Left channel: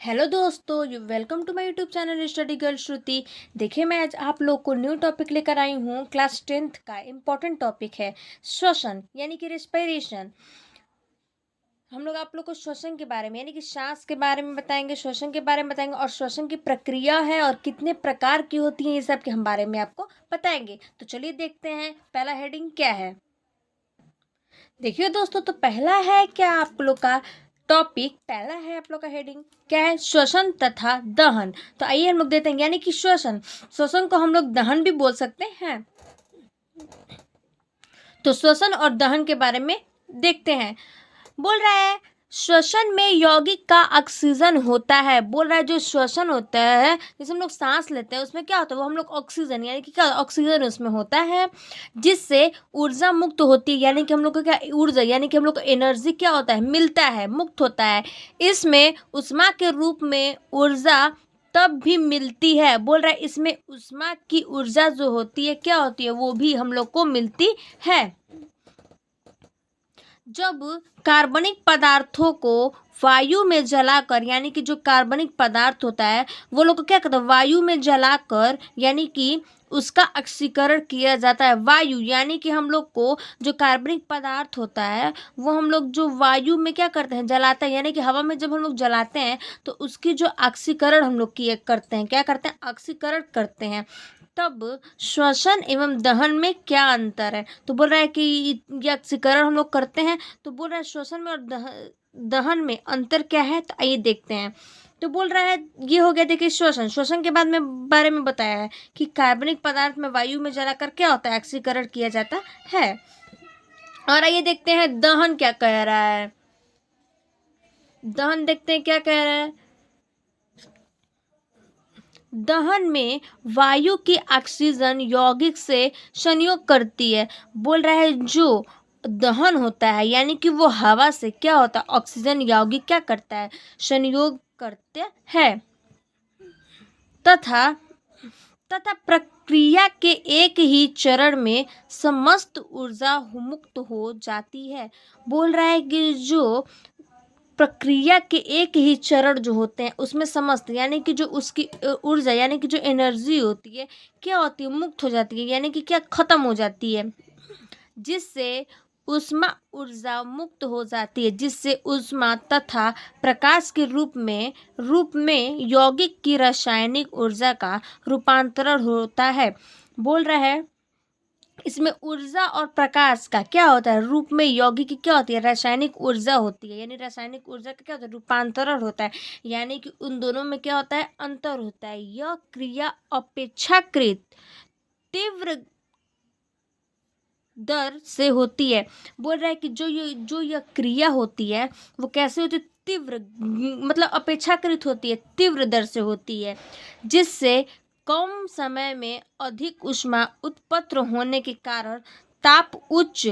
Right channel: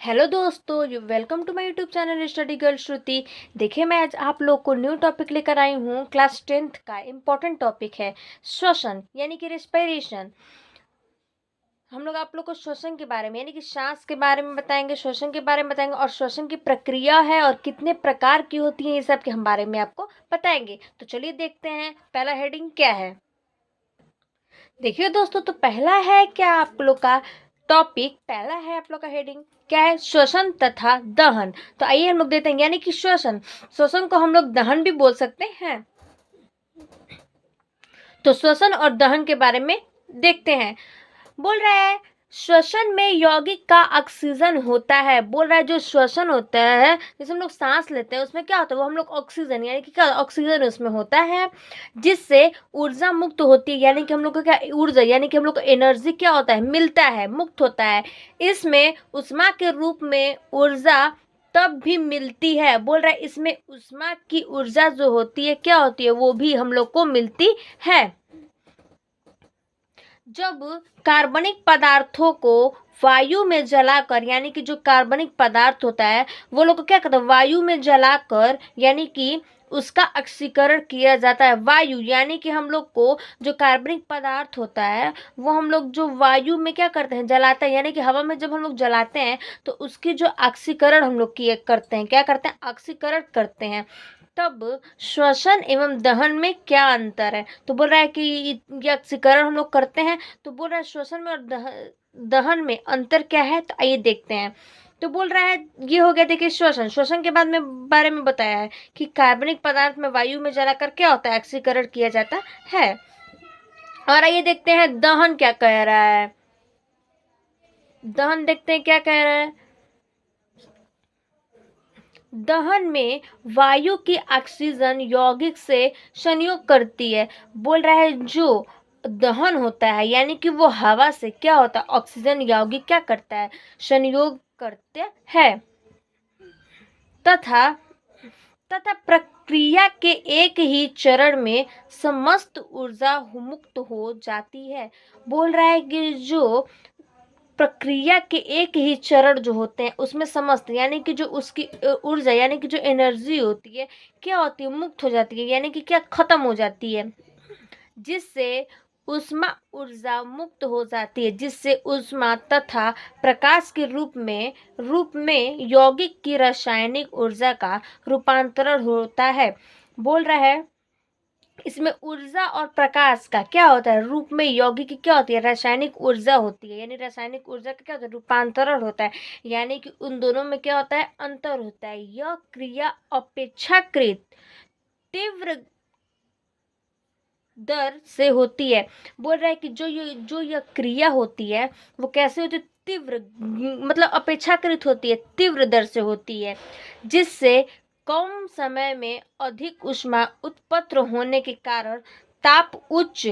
Hello दोस्तों, welcome to my YouTube channel study girl Shruti. देखिए, मैं आज आप लोग को न्यू टॉपिक लेकर आई हूँ। क्लास 10th का इम्पोर्टेंट टॉपिक है श्वसन यानी कि रेस्पिरेशन। हम लोग आप लोग को श्वसन के बारे में यानी कि सांस के बारे में बताएंगे, श्वसन के बारे में बताएंगे और श्वसन की प्रक्रिया है और कितने प्रकार की होती है, ये सब के हम बारे में आपको बताएंगे। तो चलिए देखते हैं पहला हेडिंग क्या है। देखिए दोस्तों, तो पहला है क्या आप लोग का टॉपिक, पहला है आप लोग का हेडिंग क्या है, श्वसन तथा दहन। तो आइए हम लोग देते हैं यानी कि श्वसन, श्वसन को हम लोग दहन भी बोल सकते हैं। तो श्वसन और दहन के बारे में देखते हैं। बोल रहा है श्वसन में यौगिक का ऑक्सीजन होता है। बोल रहा है जो श्वसन होता है, जैसे हम लोग सांस लेते हैं, उसमें क्या होता है, वो हम लोग ऑक्सीजन यानी कि क्या ऑक्सीजन उसमें होता है, जिससे ऊर्जा मुक्त होती है। यानी कि हम लोग को क्या ऊर्जा यानी कि हम लोग को एनर्जी क्या होता है, मिलता है, मुक्त होता है। इसमें उष्मा के रूप में ऊर्जा तब भी मिलती है। बोल रहा है इसमें उष्मा की ऊर्जा जो होती है क्या होती है, वो भी हम लोग को मिलती है जब कार्बनिक पदार्थों को वायु में जलाकर, यानी कि जो कार्बनिक पदार्थ होता है वो लोग को क्या कहते हैं, वायु में जलाकर यानी कि उसका ऑक्सीकरण किया जाता है। वायु यानी कि हम लोग को जो कार्बनिक पदार्थ होता है वो हम लोग जो वायु में क्या करते हैं, जलाते हैं। यानी कि हवा में जब हम लोग जलाते हैं तो उसकी जो ऑक्सीकरण हम लोग किए करते हैं, क्या करते हैं, ऑक्सीकरण करते हैं। तब श्वसन एवं दहन में क्या अंतर है, तो बोल रहा है कि ये ऑक्सीकरण हम लोग करते हैं। तो बोल रहा है श्वसन में और दहन में अंतर क्या है, तो आइए देखते हैं। तो बोल रहा है ये हो गया, देखिए श्वसन, श्वसन के बाद में बारे में बताया है कि कार्बनिक पदार्थ में वायु में जलाकर क्या होता है, ऑक्सीकरण किया जाता है। और आइए देखते हैं दहन क्या कह रहा है। दहन देखते हैं क्या कह रहा है। दहन में वायु की ऑक्सीजन यौगिक से संयोग करती है। बोल रहा है जो दहन होता है यानी कि वो हवा से क्या होता है, ऑक्सीजन यौगिक क्या करता है, संयोग करते हैं। तथा तथा प्रक्रिया के एक ही चरण में समस्त ऊर्जा मुक्त हो जाती है। बोल रहा है कि जो प्रक्रिया के एक ही चरण जो होते हैं उसमें समस्त यानी कि जो उसकी ऊर्जा यानी कि जो एनर्जी होती है क्या होती है, मुक्त हो जाती है, यानी कि क्या खत्म हो जाती है, जिससे ऊष्मा ऊर्जा मुक्त हो जाती है, जिससे ऊष्मा तथा प्रकाश के रूप में यौगिक की रासायनिक ऊर्जा का रूपांतरण होता है। बोल रहा है इसमें ऊर्जा और प्रकाश का क्या होता है, रूप में यौगिक की क्या होती है, रासायनिक ऊर्जा होती है। यानी रासायनिक ऊर्जा का क्या होता है, रूपांतरण होता है। यानी कि उन दोनों में क्या होता है, अंतर होता है। यह क्रिया अपेक्षाकृत तीव्र दर से होती है। बोल रहा है कि जो यह क्रिया होती है वो कैसे होती है, तीव्र मतलब अपेक्षाकृत होती है, तीव्र दर से होती है, जिससे कम समय में अधिक ऊष्मा उत्पन्न होने के कारण ताप उच्च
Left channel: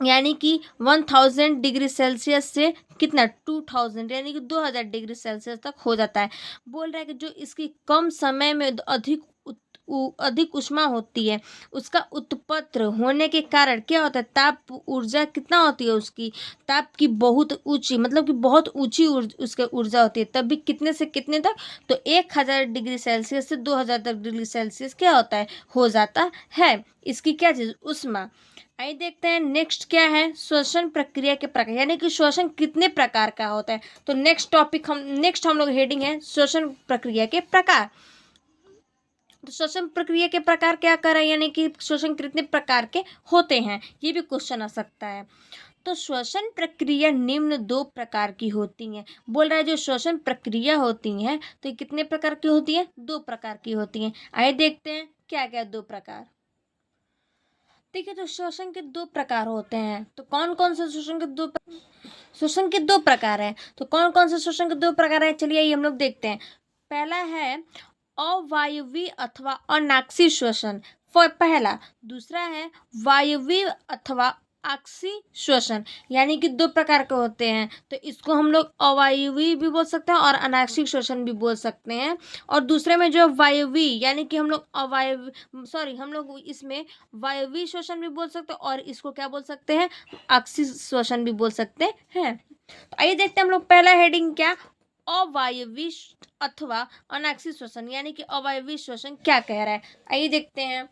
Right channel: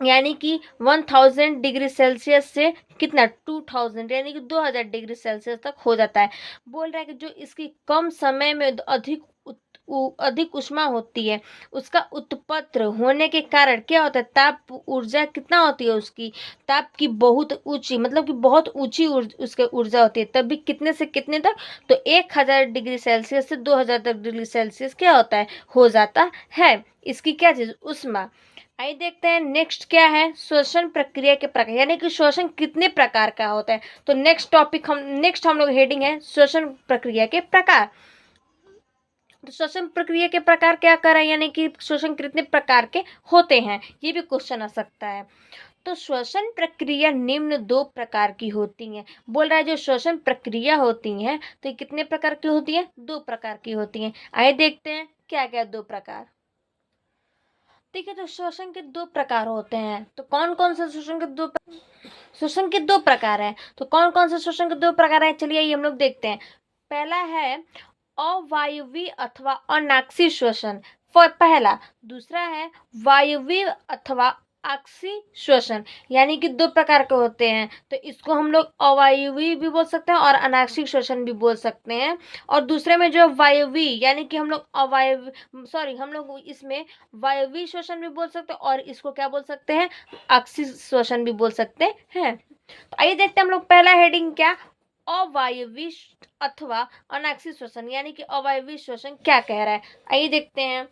यानी कि 1000 डिग्री सेल्सियस से कितना 2000 यानी कि 2000 डिग्री सेल्सियस तक हो जाता है। बोल रहा है कि जो इसकी कम समय में अधिक ऊष्मा होती है, उसका उत्पन्न होने के कारण क्या होता है, ताप ऊर्जा कितना होती है, उसकी ताप की बहुत ऊंची मतलब कि बहुत ऊंची उसके ऊर्जा होती है। तब भी कितने से कितने तक, तो 1000 डिग्री सेल्सियस से 2000 डिग्री सेल्सियस क्या होता है, हो जाता है। इसकी क्या चीज, ऊष्मा। आइए देखते हैं नेक्स्ट क्या है, श्वसन प्रक्रिया के प्रकार यानी कि श्वसन कितने प्रकार का होता है। तो नेक्स्ट हम लोग हेडिंग है श्वसन प्रक्रिया के प्रकार। तो श्वसन प्रक्रिया के प्रकार क्या कर रहे हैं, यानी कि श्वसन कितने प्रकार के होते हैं, ये भी क्वेश्चन आ सकता है। तो श्वसन प्रक्रिया निम्न दो प्रकार की होती हैं। बोल रहा है जो श्वसन प्रक्रिया होती हैं तो ये कितने प्रकार की होती है, दो प्रकार की होती हैं। आइए देखते हैं क्या क्या दो प्रकार। देखिए, तो श्वसन के दो प्रकार होते हैं। तो कौन कौन से श्वसन के दो प्रकार हैं, तो कौन कौन से श्वसन के दो प्रकार हैं, चलिए ये हम लोग देखते हैं। पहला है अवायवीय अथवा अनाक्षी श्वसन, पहला। दूसरा है वायवीय अथवा अक्षी श्वसन, यानी कि दो प्रकार के होते हैं। तो इसको हम लोग अवायवीय भी बोल सकते हैं और अनाक्षिक श्वसन भी बोल सकते हैं। और दूसरे में जो वायवीय यानी कि हम लोग इसमें वायवीय श्वसन भी बोल सकते हैं और इसको क्या बोल सकते हैं, अक्षी श्वसन भी बोल सकते हैं। तो आइए देखते हैं हम लोग पहला हेडिंग क्या, अवायवीय अथवा अनाक्षी श्वसन यानी कि अवायवीय श्वसन क्या कह रहा है, आइए देखते हैं।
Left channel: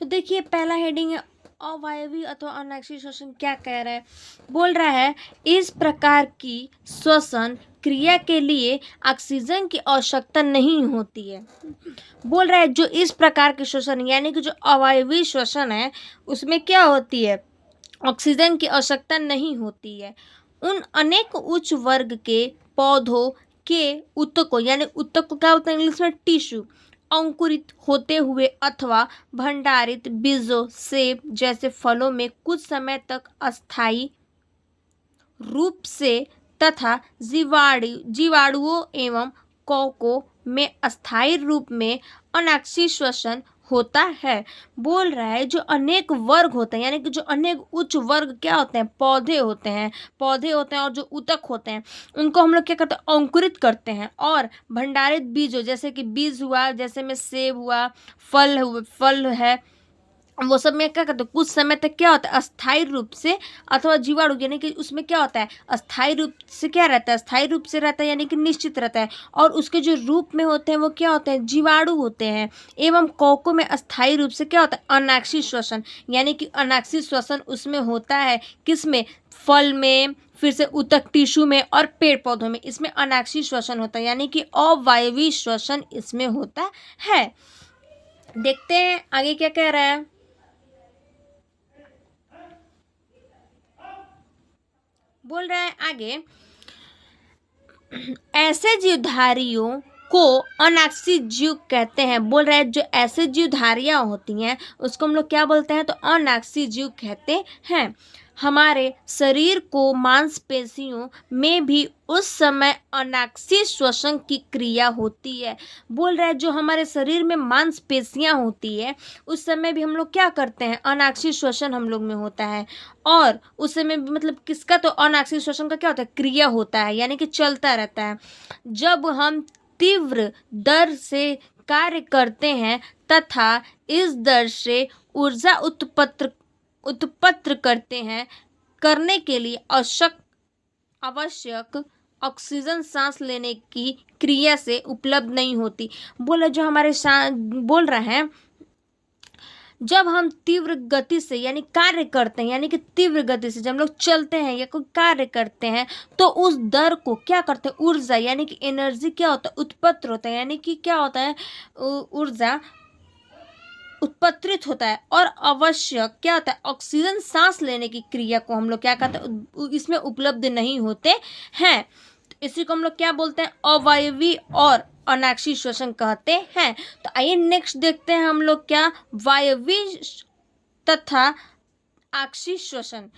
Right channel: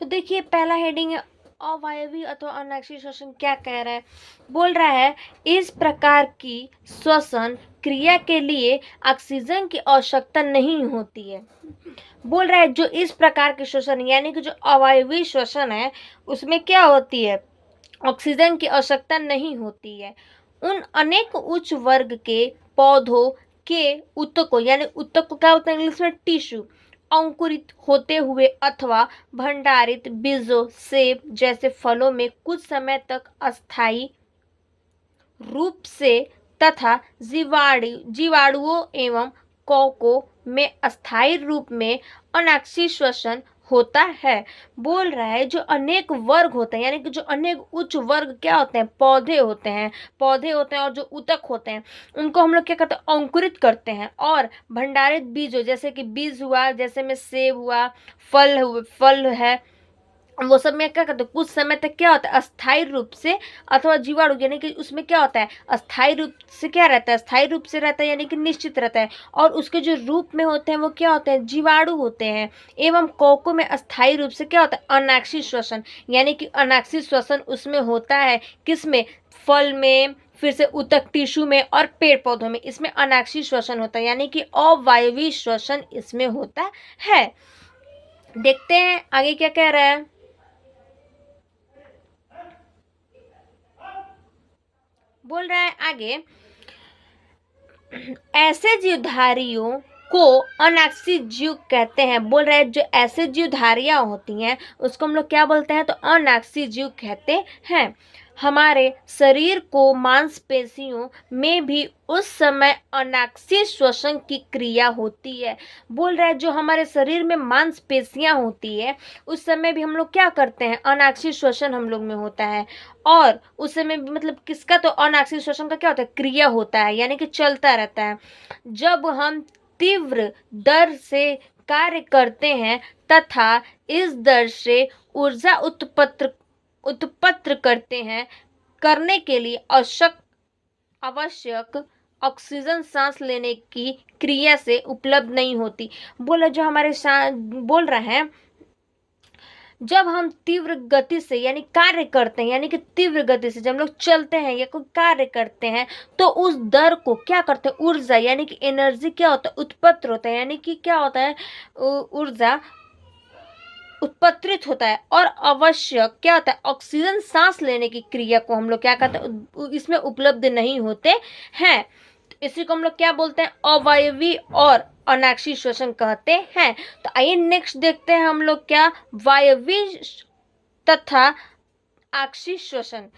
तो देखिए पहला हेडिंग है अवायवीय अथवा अनाक्षी श्वसन क्या कह रहा है। बोल रहा है इस प्रकार की श्वसन क्रिया के लिए ऑक्सीजन की आवश्यकता नहीं होती है। बोल रहा है जो इस प्रकार के श्वसन यानी कि जो अवायवीय श्वसन है उसमें क्या होती है, ऑक्सीजन की आवश्यकता नहीं होती है। उन अनेक उच्च वर्ग के पौधों के ऊतकों यानी ऊतक को क्या होता है इंग्लिश में टिश्यू, अंकुरित होते हुए अथवा भंडारित बीजों सेब जैसे फलों में कुछ समय तक अस्थायी रूप से तथा जीवाणुओं एवं कवकों में अस्थायी रूप में अनाक्षी श्वसन होता है। बोल रहा है जो अनेक वर्ग होते हैं यानी कि जो अनेक उच्च वर्ग क्या होते हैं, पौधे होते हैं और जो ऊतक होते हैं उनको हम लोग क्या करते हैं, अंकुरित करते हैं। और भंडारित बीजों जैसे कि बीज हुआ, जैसे में सेब हुआ, फल है, वो सब में क्या करते हैं कुछ समय तक क्या होता है अस्थायी रूप से अथवा जीवाणु यानी कि उसमें क्या होता है अस्थायी रूप से क्या रहता है, अस्थायी रूप से रहता है यानी कि निश्चित रहता है। और उसके जो रूप में होते हैं वो क्या होते हैं, जीवाणु होते हैं। एवं कोको में अस्थायी रूप से क्या होता है अनाक्षी श्वसन यानी कि अनाक्षी श्वसन उसमें होता है, किसमें, फल में, फिर से ऊतक टिश्यू में और पेड़ पौधों में, इसमें अनाक्षी श्वसन होता है यानी कि अवायवीय श्वसन इसमें होता है। देखते हैं आगे क्या कह रहा है। बोल रहा है आगे ऐसे जीवधारियों को अनाक्षी जीव कहते हैं। बोल रहा है जो ऐसे जीवधारियां होती हैं उसको हम लोग क्या बोलते हैं, तो अनाक्षी जीव कहते हैं। हमारे शरीर को मांसपेशियों में भी उस समय अनाक्षी श्वसन की क्रिया होती है। बोल रहा है जो हमारे शरीर में मांसपेशियां होती है उस समय भी हम लोग क्या करते हैं, अनाक्षी श्वसन हम लोग में होता है। और उस समय भी मतलब किसका, तो अनाक्षी श्वसन का क्या होता है, क्रिया होता है यानी कि चलता रहता है। जब हम तीव्र दर से कार्य करते हैं तथा इस दर से ऊर्जा उत्पन्न करते हैं करने के लिए आवश्यक ऑक्सीजन सांस लेने की क्रिया से उपलब्ध नहीं होती। बोला जो हमारे बोल रहा है जब हम तीव्र गति से यानी कार्य करते हैं यानी कि तीव्र गति से जब हम लोग चलते हैं या कोई कार्य करते हैं तो उस दर को क्या करते हैं, ऊर्जा यानी कि एनर्जी क्या होता है, उत्पन्न होता है यानी कि क्या होता है, ऊर्जा उत्पत्तित होता है। और आवश्यक क्या होता है, ऑक्सीजन सांस लेने की क्रिया को हम लोग क्या कहते हैं, इसमें उपलब्ध नहीं होते हैं। इसी को हम लोग क्या बोलते हैं, अवायवीय और अनाक्षी श्वसन कहते हैं। तो आइए नेक्स्ट देखते हैं हम लोग क्या वायवीय तथा आक्षी श्वसन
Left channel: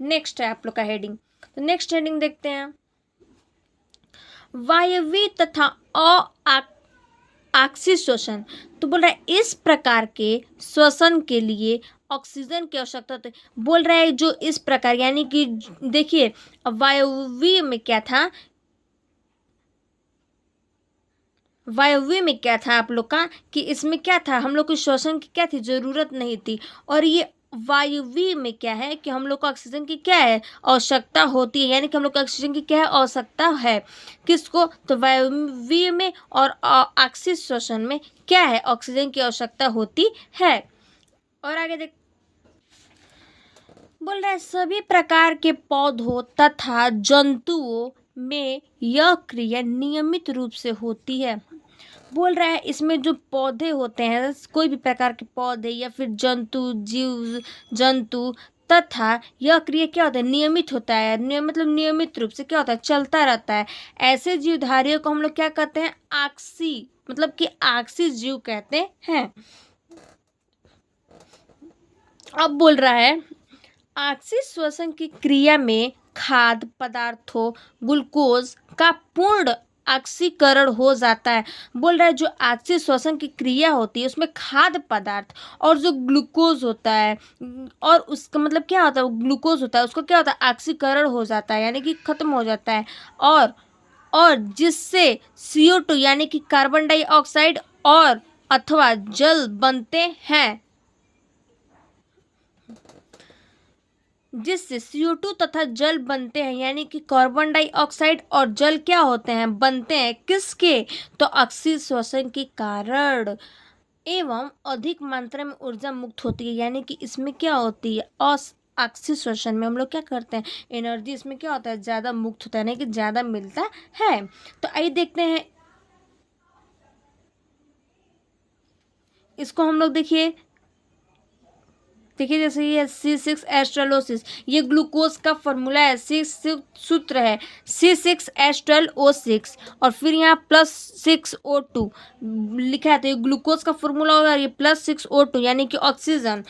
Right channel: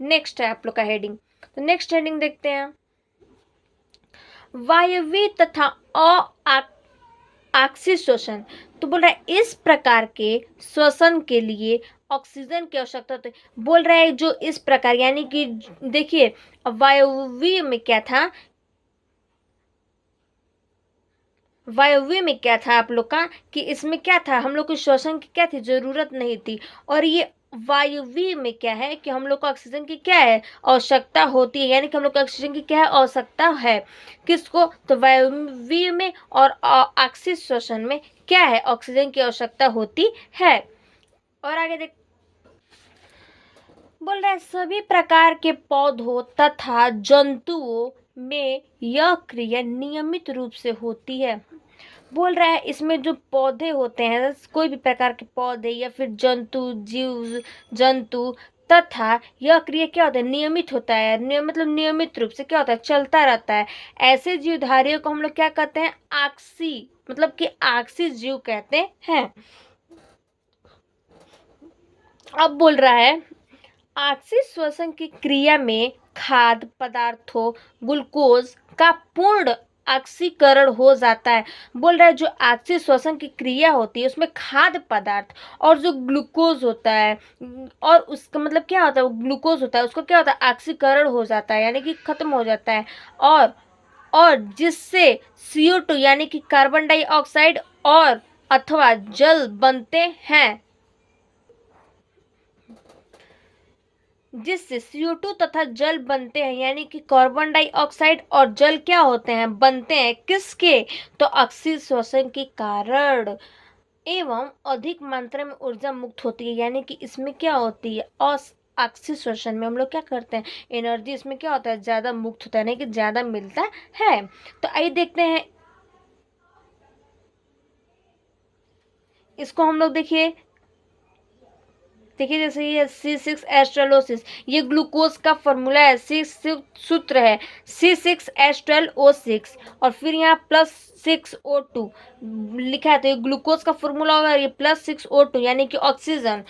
नेक्स्ट है आप लोग का हेडिंग। तो नेक्स्ट हेडिंग देखते हैं वायवीय तथा आक्षी श्वसन। तो बोल रहा है इस प्रकार के श्वसन के लिए ऑक्सीजन की आवश्यकता होती है। बोल रहा है जो इस प्रकार यानी कि देखिए वायवीय में क्या था, वायवीय में क्या था आप लोग का कि इसमें क्या था, हम लोग को श्वसन की क्या थी, जरूरत नहीं थी। और ये वायवीय में क्या है कि हम लोग को ऑक्सीजन की क्या है, आवश्यकता होती है यानी कि हम लोग को ऑक्सीजन की क्या है, आवश्यकता है। किसको, तो वायवीय में और आक्षी श्वसन में क्या है, ऑक्सीजन की आवश्यकता होती है। और आगे देख बोल रहा है सभी प्रकार के पौधों तथा जंतुओं में यह क्रिया नियमित रूप से होती है। बोल रहा है इसमें जो पौधे होते हैं, कोई भी प्रकार के पौधे या फिर जीव जंतु तथा यह क्रिया क्या होता है, नियमित होता है। मतलब नियमित रूप से क्या होता है, चलता रहता है। ऐसे जीवधारियों को हम लोग क्या कहते हैं, आक्सी मतलब कि आक्सी जीव कहते हैं। अब बोल रहा है आक्सी श्वसन की क्रिया में खाद्य पदार्थों ग्लूकोज का पूर्ण ऑक्सीकरण हो जाता है। बोल रहा है जो आक्सी श्वसन की क्रिया होती है उसमें खाद्य पदार्थ और जो ग्लूकोज होता है और उसका मतलब क्या होता है, ग्लूकोज होता है उसको क्या होता है, ऑक्सीकरण हो जाता है यानी कि खत्म हो जाता है। और जिससे CO2 यानी कि कार्बन डाइऑक्साइड और अथवा जल बनते हैं। जिससे CO2 तथा जल बनते हैं, यानी कि कार्बन डाइऑक्साइड और जल क्या होते हैं, बनते हैं किसके, तो अक्सीय श्वसन के कारण, एवं अधिक मात्रा में ऊर्जा मुक्त होती है, यानी कि इसमें क्या होती है, अक्सीय श्वसन में हम लोग क्या करते हैं, एनर्जी इसमें क्या होता है, ज़्यादा मुक्त होता है, यानी कि ज़्यादा मिलता है। तो आइए देखते हैं इसको हम लोग, देखिए जैसे ये C6 एस्ट्रेलोसिस, ये ग्लूकोज का फॉर्मूला है, सूत्र है C6H12O6, और फिर यहाँ +6O2 लिखा है, तो ये ग्लूकोज का फॉर्मूला होगा, ये +6O2 यानी कि ऑक्सीजन,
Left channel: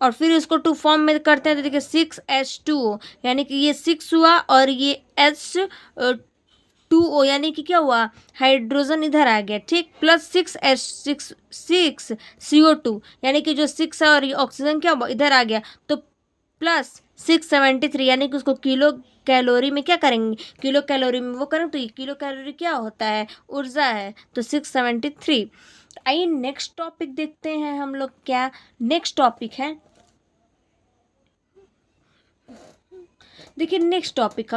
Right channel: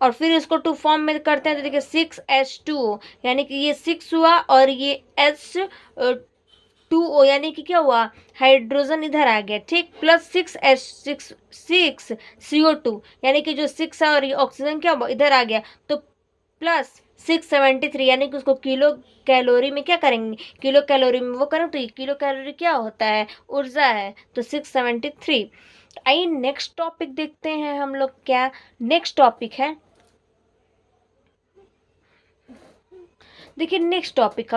और फिर इसको 2 फॉर्म में करते हैं, तो देखिए 6H2O, यानी कि ये 6 हुआ और ये H2O, यानी कि क्या हुआ, हाइड्रोजन इधर आ गया, ठीक, +6CO2, यानी कि जो 6 है और ये ऑक्सीजन क्या हुआ, इधर आ गया, तो +673, यानी कि उसको किलो कैलोरी में क्या करेंगे, किलो कैलोरी में वो करें, तो ये किलो कैलोरी क्या होता है, ऊर्जा है, तो 673। आइए नेक्स्ट टॉपिक देखते हैं हम लोग, क्या नेक्स्ट टॉपिक है, देखिए नेक्स्ट टॉपिक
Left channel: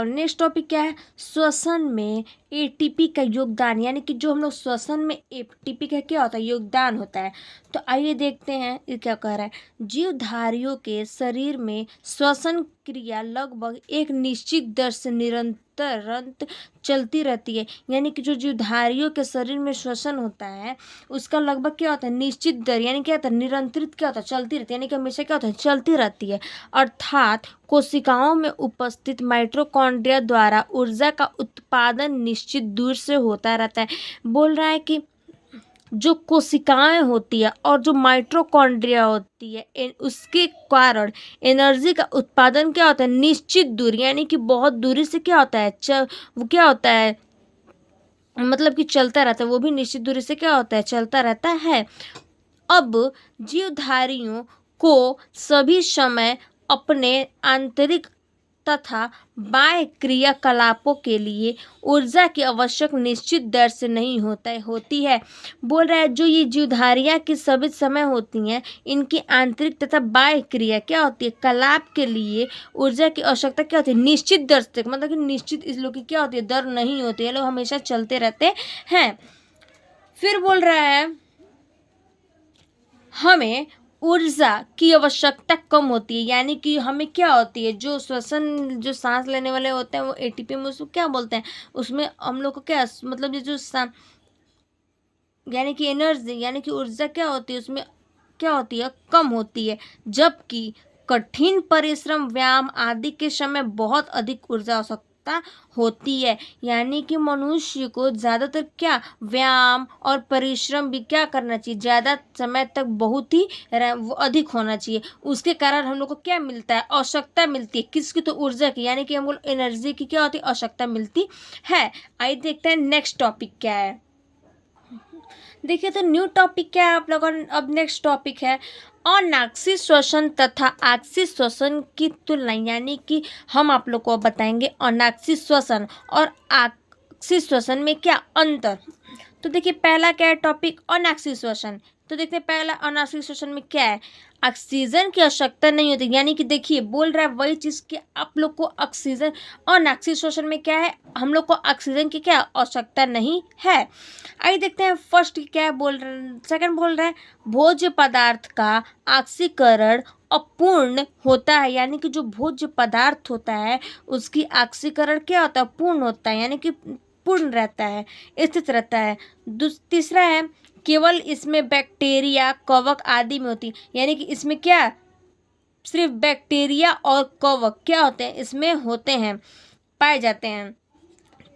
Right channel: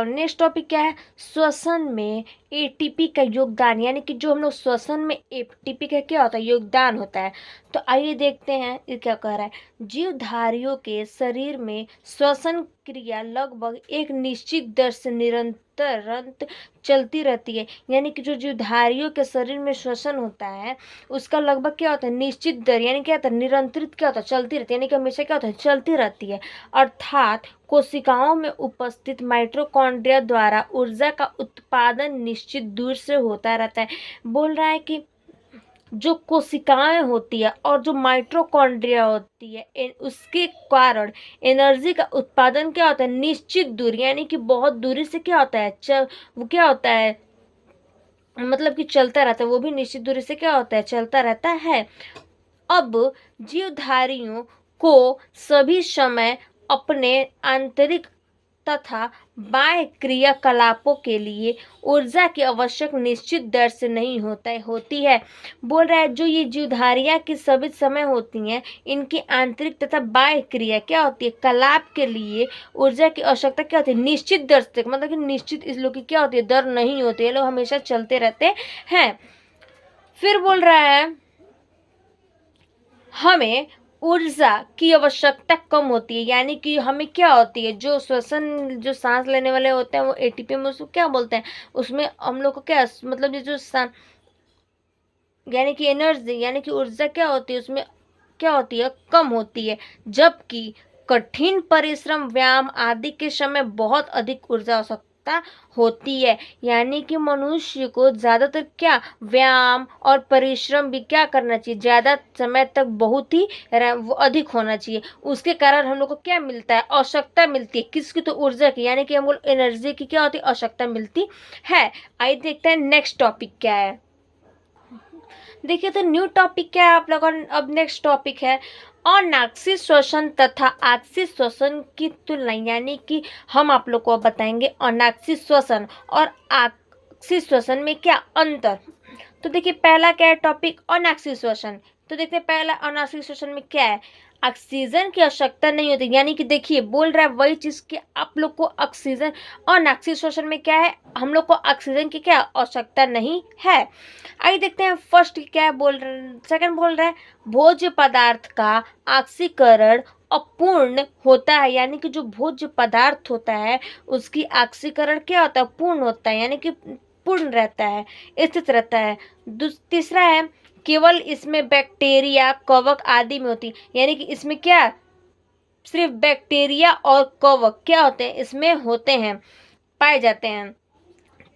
क्या है, श्वसन में ATP का योगदान, यानी कि जो हम लोग श्वसन में ATP का क्या होता है, योगदान होता है। तो आइए देखते हैं ये क्या कह रहा है, जीवधारियों के शरीर में श्वसन क्रिया लगभग एक निश्चित दर से निरंतर चलती रहती है, यानी कि जो जीवधारियों के शरीर में श्वसन होता है उसका लगभग क्या होता है, निश्चित दर, यानी क्या होता है, निरंतरित क्या होता है, चलती रहती है, यानी कि हमेशा क्या होता है, चलती रहती है, अर्थात कोशिकाओं में उपस्थित माइटोकॉन्ड्रिया द्वारा ऊर्जा का उत्पादन निश्चित दूर से होता रहता है। बोल रहा है कि जो कोशिकाएं होती है और जो माइटोकॉन्ड्रिया होती है उसके कारण एनर्जी का उत्पादन क्या होता है, निश्चित दूरी, यानी कि बहुत दूरी से क्या होता है, वो क्या होता है, मतलब कि चलता रहता है, वो भी निश्चित दूरी से क्या होता है, चलता रहता है। अब जीवधारियों को सभी समय अपने आंतरिक तथा बाह्य क्रियाकलापों के लिए ऊर्जा की आवश्यक निश्चित दर से नहीं होती है। बोल रहा है जो ये जीवधारियां की सभी समय होती हैं, इनकी आंतरिक तथा बाह्य क्रिया क्या होती है, कलाप के लिए ऊर्जा की आवश्यकता क्या होती है, निश्चित दर से, मतलब कि निश्चित इस लोग की क्या होती है, दर नहीं होती है, लोग हमेशा चलते रहते हैं। फिर बोल रहा है हमें ऊर्जा की आवश्यकता कम होती है, यानी कि हमें क्या होती है, जो जो सांस लेने वाले होते हैं वो ATP में उसको क्या बोलते हैं, उसमें हम लोग को क्या, मतलब ये जो यानी कि एनर्जी, यानी कि ऊर्जा क्या होती है, उसमें क्या होती है, कम होती है, जबकि कठिन परिश्रम, व्यायाम आदि के समय बहुत अधिक ऊर्जा आवश्यकता होती है, यानी कि मनुष्य को ज़्यादातर क्या, व्यायाम और परिश्रम भी क्या करना चाहिए, ज़्यादा समय तक बहुत ही अधिक होना चाहिए, उसके कारण हम लोग को क्या मिलता है, आवश्यकता मिलती है, किसकी, तो ऊर्जा की, यानी कि हम लोग एनर्जी की क्या होती है, आवश्यकता मिलती है। आइए देखते हैं नेक्स्ट टॉपिक क्या है, देखिए तो न्यू टॉपिक क्या है आप लोगों का, अब नेक्स्ट टॉपिक है अनाक्षी श्वसन तथा आक्षी श्वसन की तुलना, यानी कि हम आप लोग को बताएंगे अनाक्षी श्वसन और आक्षी श्वसन में क्या अंतर। तो देखिए पहला क्या है टॉपिक, अनाक्षी श्वसन, तो देखते हैं पहला अनाक्षी श्वसन में क्या है, ऑक्सीजन की आवश्यकता नहीं होती, यानी कि देखिए बोल रहा है वही चीज़ कि आप लोग को ऑक्सीजन, अनाक्षी श्वसन में क्या है, हम लोग को ऑक्सीजन की क्या आवश्यकता नहीं है। आइए देखते हैं फर्स्ट क्या है, सेकंड बोल रहा है भोज्य पदार्थ का ऑक्सीकरण अपूर्ण होता है, यानी कि जो भोज्य पदार्थ होता है उसकी ऑक्सीकरण क्या होता है, पूर्ण होता है, यानी कि पूर्ण रहता है, स्थित रहता है। तीसरा है केवल इसमें बैक्टीरिया, कवक आदि में होती, यानी कि इसमें क्या, सिर्फ बैक्टीरिया और कवक क्या होते हैं, इसमें होते हैं, पाए जाते हैं।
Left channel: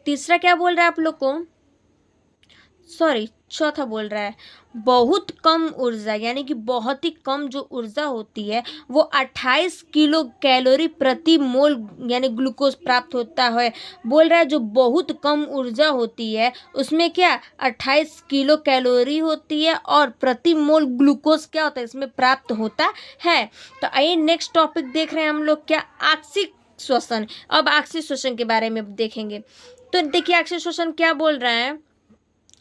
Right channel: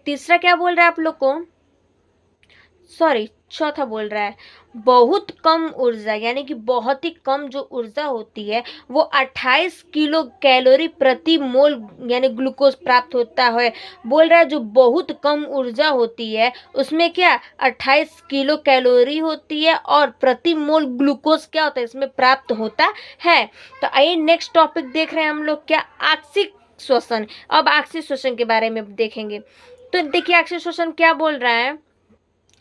तीसरा क्या बोल रहा है आप लोग को, चौथा बोल रहा है बहुत कम ऊर्जा, यानी कि बहुत ही कम जो ऊर्जा होती है वो 28 किलो कैलोरी प्रति मोल, यानी ग्लूकोज प्राप्त होता है। बोल रहा है जो बहुत कम ऊर्जा होती है उसमें क्या 28 किलो कैलोरी होती है और प्रति मोल ग्लूकोज क्या होता है इसमें प्राप्त होता है। तो आइए नेक्स्ट टॉपिक देख रहे हैं हम लोग, क्या आक्षिक श्वसन। अब आक्षिक श्वसन के बारे में देखेंगे, तो देखिए आक्षिक श्वसन क्या बोल रहा है,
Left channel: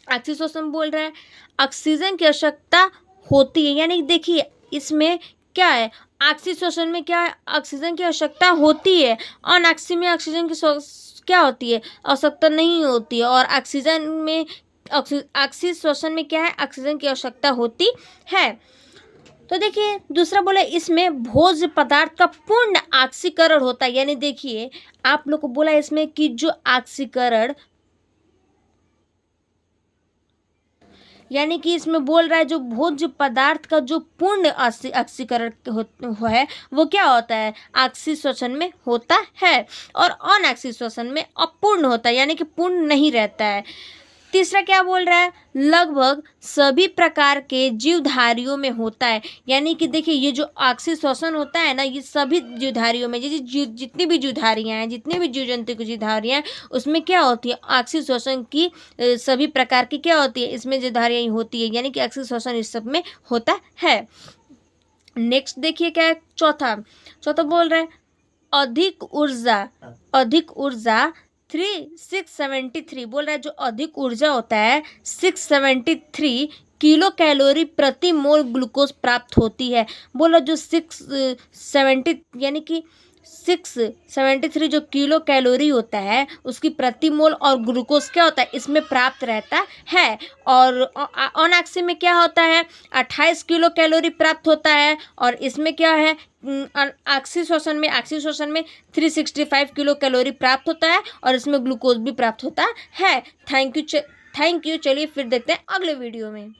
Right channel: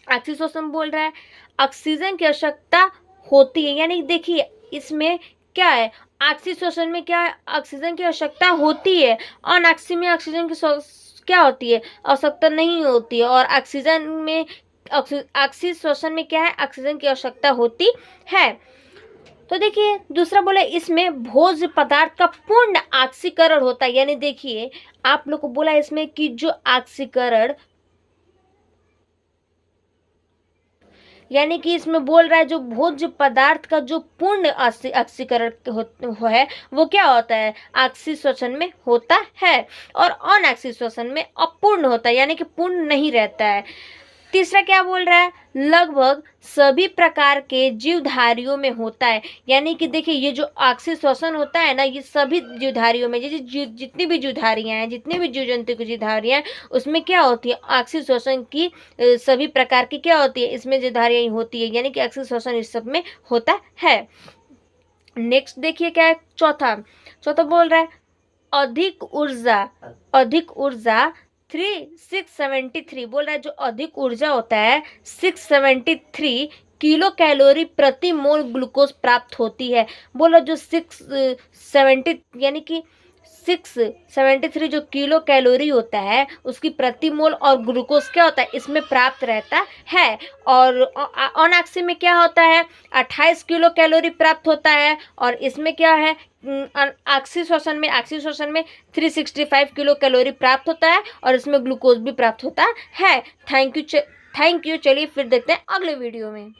आक्षिक श्वसन बोल रहा है ऑक्सीजन की आवश्यकता होती है, यानी देखिए इसमें क्या है, ऑक्सी श्वसन में क्या है, ऑक्सीजन की आवश्यकता होती है। अनऑक्सी में ऑक्सीजन की क्या होती है, आवश्यकता नहीं होती है। और ऑक्सीजन में ऑक्सी श्वसन में क्या है, ऑक्सीजन की आवश्यकता होती है। तो देखिए दूसरा बोला, इसमें भोज्य पदार्थ का पूर्ण ऑक्सीकरण होता है। यानी देखिए आप लोग को बोला इसमें कि जो ऑक्सीकरण, यानी कि इसमें बोल रहा है जो भोज्य पदार्थ का जो पूर्ण ऑक्सीकरण है वो क्या होता है, ऑक्सी श्वसन में होता है। और अनऑक्सी श्वसन में अपूर्ण होता है, यानी कि पूर्ण नहीं रहता है। तीसरा क्या बोल रहा है, लगभग सभी प्रकार के जीवधारियों में होता है। यानी कि देखिए ये जो ऑक्सी श्वसन होता है ना, ये सभी जीवधारियों में, जैसे जितनी भी जीवधारियां हैं, जितने भी जीव जंतु की जीवधारियां हैं, उसमें क्या होती है, ऑक्सी श्वसन की सभी प्रकार की क्या होती है, इसमें जीवधारियां होती है। यानी कि ऑक्सी श्वसन इस सब में होता है। नेक्स्ट देखिए क्या है, चौथा चौथा बोल रहा है, अधिक ऊर्जा 673 बोल रहा है, जो अधिक ऊर्जा होता है 673 किलो कैलोरी प्रति मोल ग्लूकोज प्राप्त होती है। बोला जो 670 यानी कि 673 जो किलो कैलोरी होता है उसकी प्रति मोल और ग्लूकोज क्या होता है इसमें प्राप्त रहता है। और अनऑक्सी में क्या होता है, 28 किलो कैलोरी प्राप्त होता है। और इसमें क्या है, ऑक्सी श्वसन में 365 किलो कैलोरी प्राप्त होता है और इसमें ग्लूकोज भी प्राप्त होता है। Thank you. चलिए फिर देखते हैं अगले वीडियो में।